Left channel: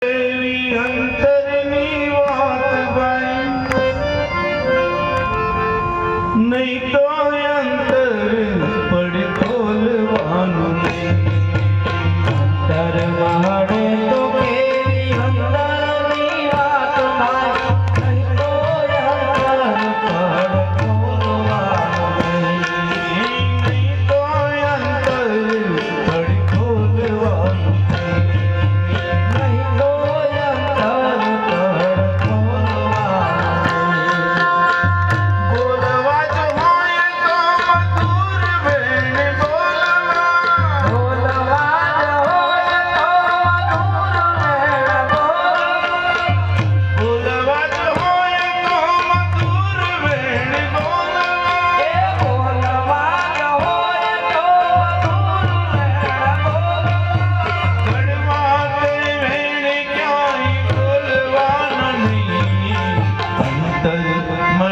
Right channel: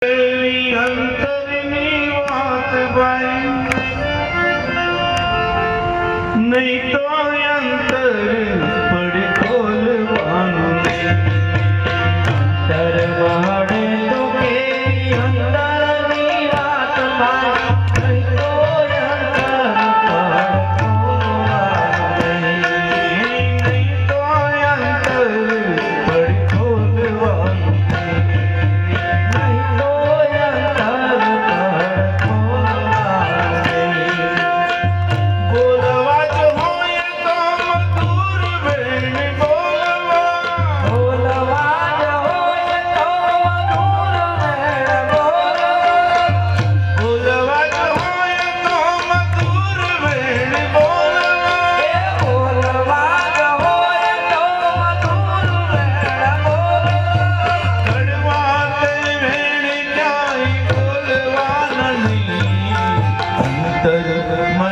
Baby, I'm Ma